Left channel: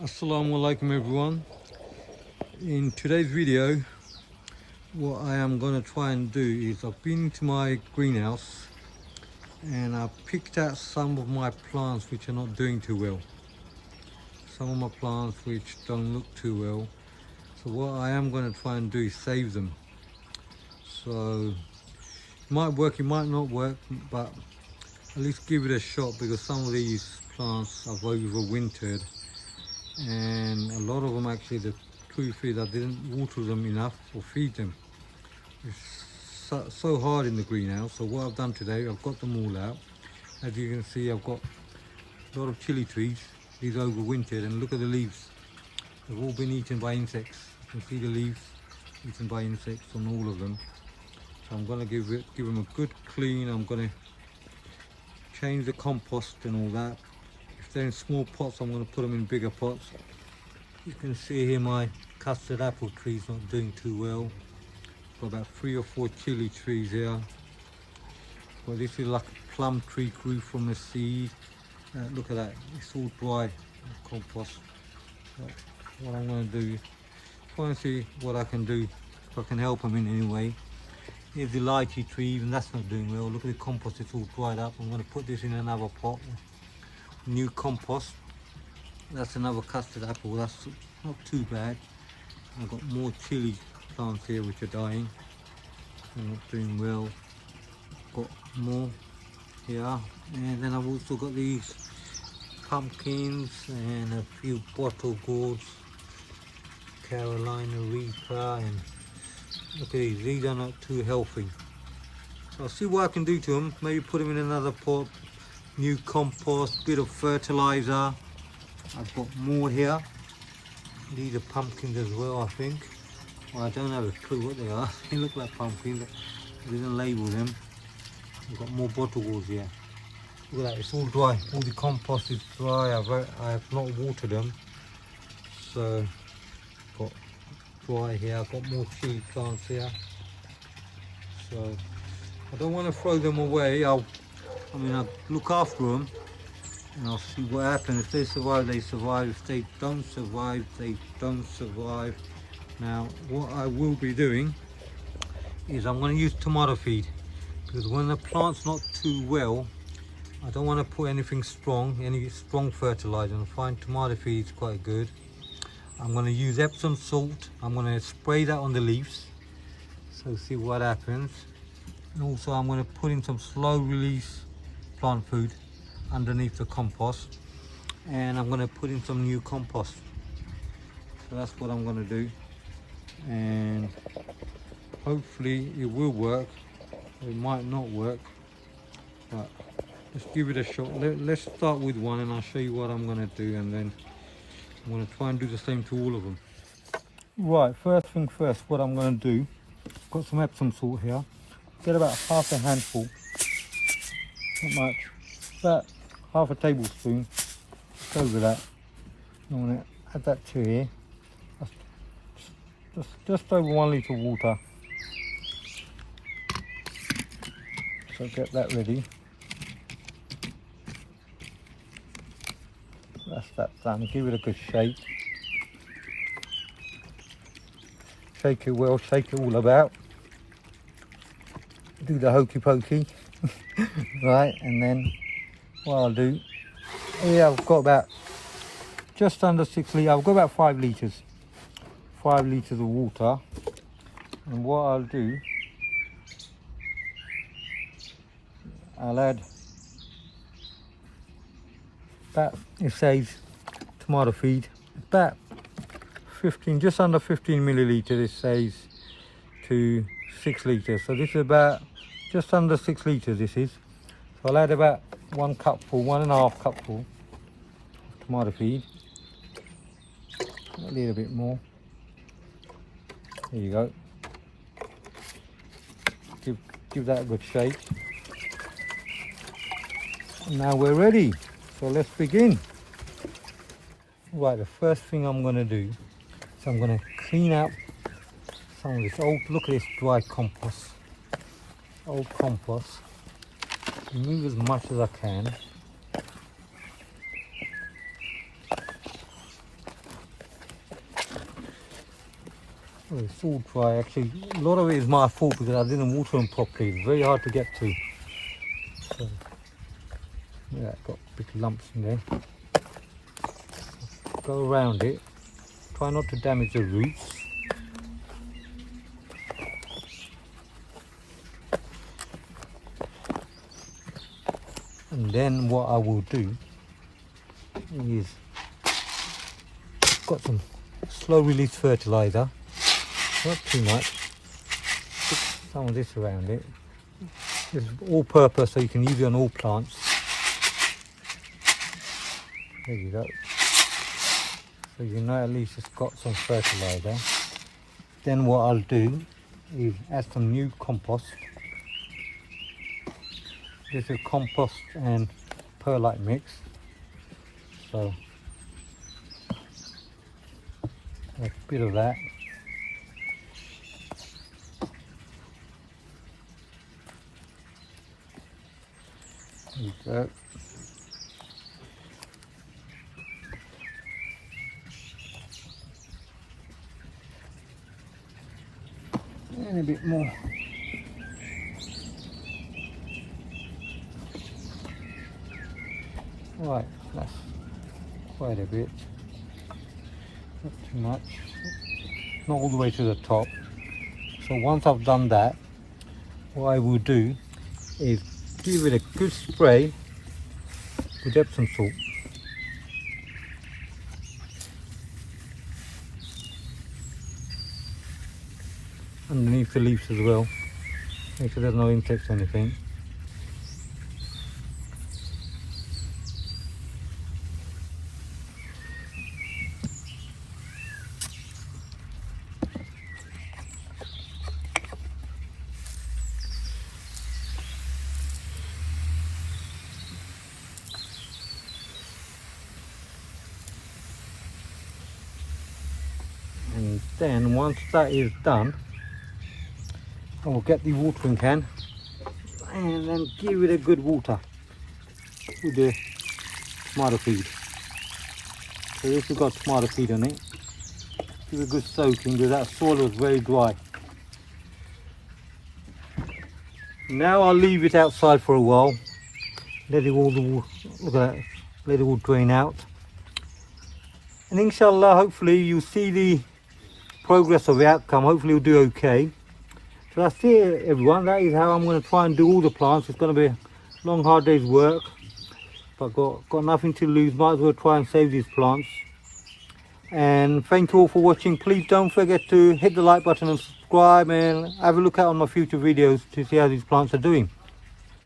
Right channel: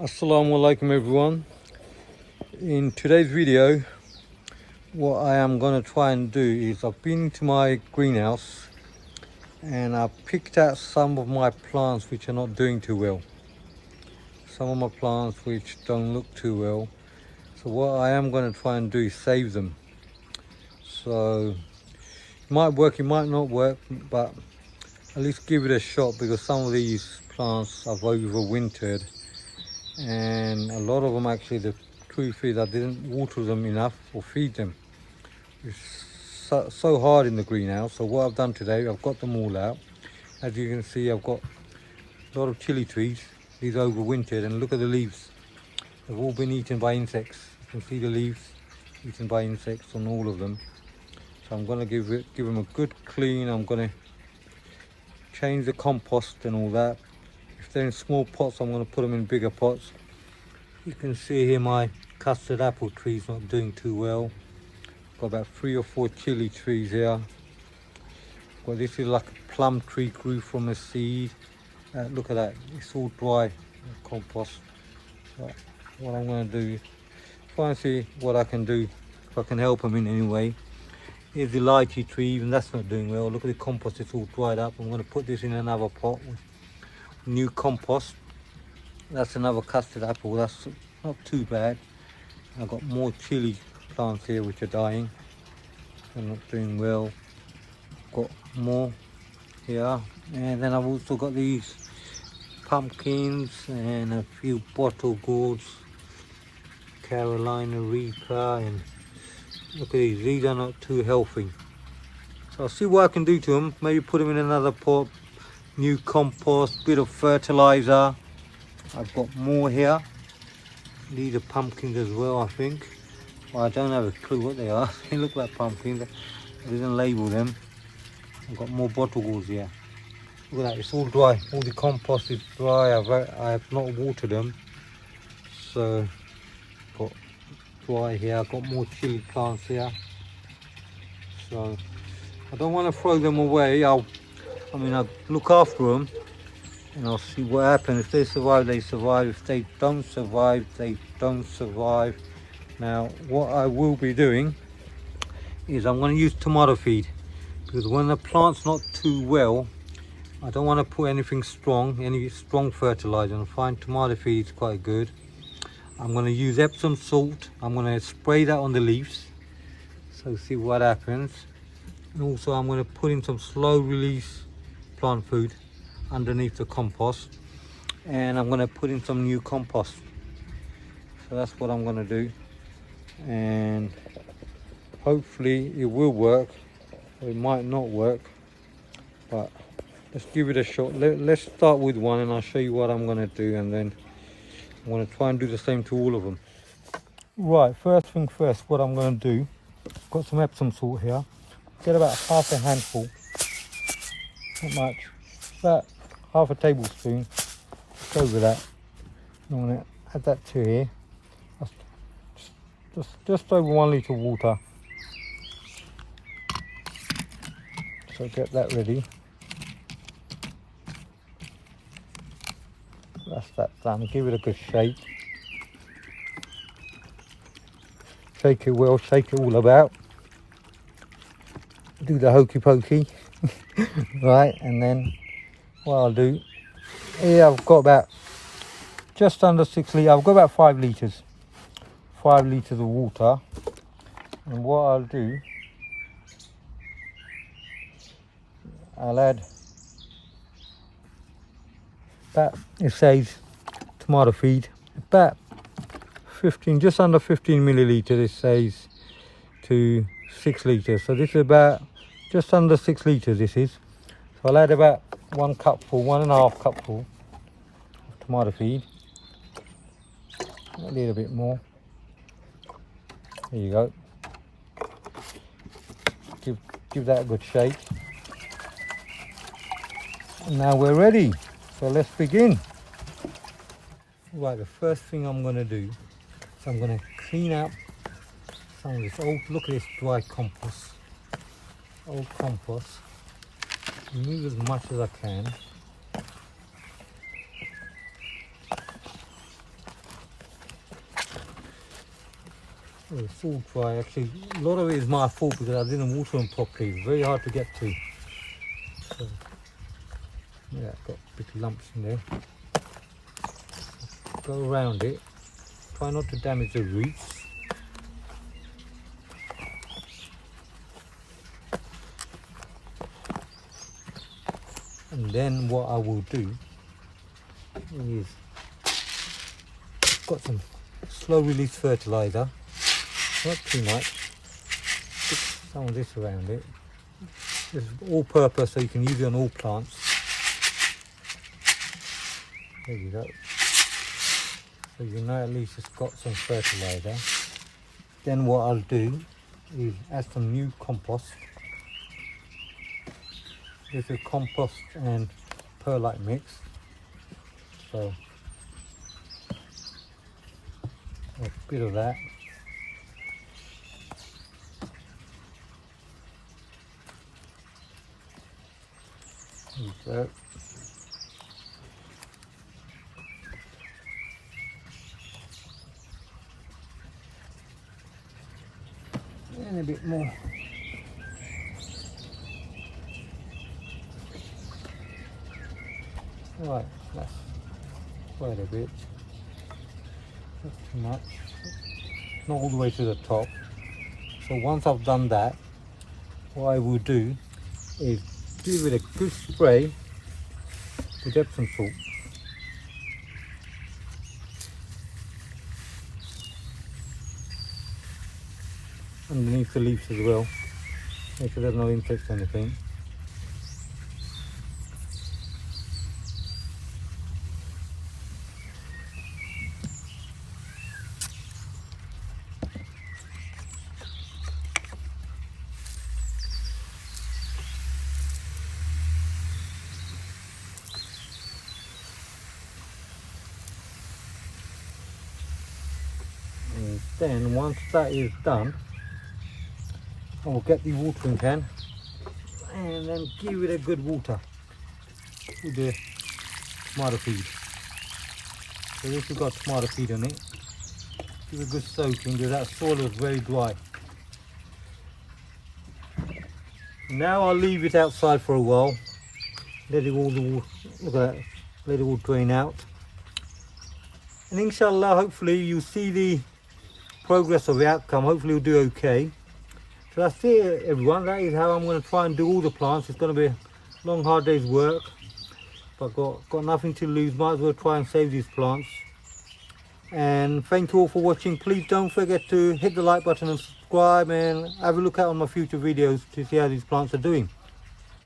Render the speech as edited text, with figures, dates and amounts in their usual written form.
Assalamu alaikum everyone. In today's video, what I am going to try and do is I've been to my greenhouse and I've picked out some of my plants which are not doing too well. Some of my plants which don't look too well. So what I am going to try and do is save them. So it might work, it might not work, but at least give it a shot, because some of these plants have overwintered and a lot of them, actually, the truth is I didn't water them enough or feed them. It's so hard in the greenhouse. So what I've done today, I've got them all out. As you can see, I've got a lot of chili trees. These overwintered, and look at the leaves. They've all been eaten by insects. You can see the leaves eaten by insects on all of them. So I'm going to give them a good clean. I'm going to change the compost and all that. If they're in small pots, I'm going to put them in bigger pots. You can see here my custard apple tree's not doing too well. Got about 3 or 4 chili trees here. Well, this is like a plum tree, grew from a seed. Look at that, it's all dry, the compost. So what I'm going to do is try and see what I can do, if I can help them in any way. Here's the lychee tree, even that's not doing well. Look at the compost, it's all dried up. I'm going to put this in another pot with new compost. That's another custard apple, that's not too bad. I've got more chili plants here which are dying. They're not doing well. Got more here. And then I've also got these pumpkins and a few bottle gourds, Carolina Reaper, and look at these are not too healthy. So I'll see what I can do to them, maybe put them in another pot, new compost, bit of fertilizer. I've got more here. These are pumpkins as well, I think. Well, I don't have a clue what they are. They look like pumpkins. I didn't label them. I've got more bottle gourds here. Look at that, it's all dry. All the compost is dry. I have not watered them. So, got dry here. I've got more chili plants here. So, I don't want to throw them away. I'll look after them and I'll see what happens. If they survive, they survive. If they don't survive, they don't survive. Now, what I will be doing is I'm going to use tomato feed, because when the plant's not too well, I don't want to put anything strong, any strong fertilizer. I find tomato feed is quite good. I'm going to use Epsom salt. I'm going to spray that on the leaves, so see what happens. And also I'm going to put in some slow release plant food underneath the compost, and I'm going to put in some new compost. So that's what I'm going to do, and hopefully it will work, or it might not work, but let's give it a shot. Let's start with one and I'll show you what I'm going to do, and then I'm going to try and do the same to all of them. Right, first thing first, what I'm going to do, I've got some Epsom salt here. Get about half a handful, not much, about half a tablespoon, just over that. I'm going to add that to here. Just over 1 litre of water. So get that ready. That's that done. Give it a good shake. Shake it well, shake it all about. Do the hokey pokey. Right, and then what I'll do, here I've got about just under 6 litres, I've got about 5 litres. 5 litres of water. And what I'll do, I'll add about, it says tomato feed, about 15, just under 15 millilitres, it says, to 6 litres. So this is about just under 6 litres this is. So I'll add about 1 cupful, 1.5 cupful of tomato feed. A little bit more. There you go. Give that a good shake. Now we're ready, so let's begin. Right, the first thing I'm going to do is I'm going to clean out some of this old, look at this dry compost, old compost. Remove as much as I can. Oh, it's all dry. Actually, a lot of it is my fault because I didn't water them properly. It's very hard to get to. So, yeah, got big lumps in there. Go around it. Try not to damage the roots. And then what I will do is, got some slow release fertilizer, not too much, put some of this around it. This is all purpose, so you can use it on all plants. There you go. So you know at least it's got some fertilizer. Then what I'll do is add some new compost. This is compost and perlite mix. So a bit of that. There we go. And a bit more. Right, that's quite a bit. Not too much. Not all the way to the top. So once I've done that, what I will do is give it a good spray with Epsom salt. Underneath the leaves as well, make sure there's no insects or anything. And then once that is done, I will get the watering can and then give it a good water with the tomato feed. So this has got tomato feed on it. Give it a good soaking because that soil is very dry. Now I'll leave it outside for a while. Let it all, look at that, let it all drain out. And inshallah, hopefully you'll see the progress of the outcome. Hopefully you'll do okay. So that's it, everyone. That is how I'm going to try and do all the plants. It's going to be a long, hard day's work. But got nothing to lose. Might as well try and save these plants. And thank you all for watching. Please don't forget to hit the like button and subscribe, and have a look out on my future videos to see how these plants are doing.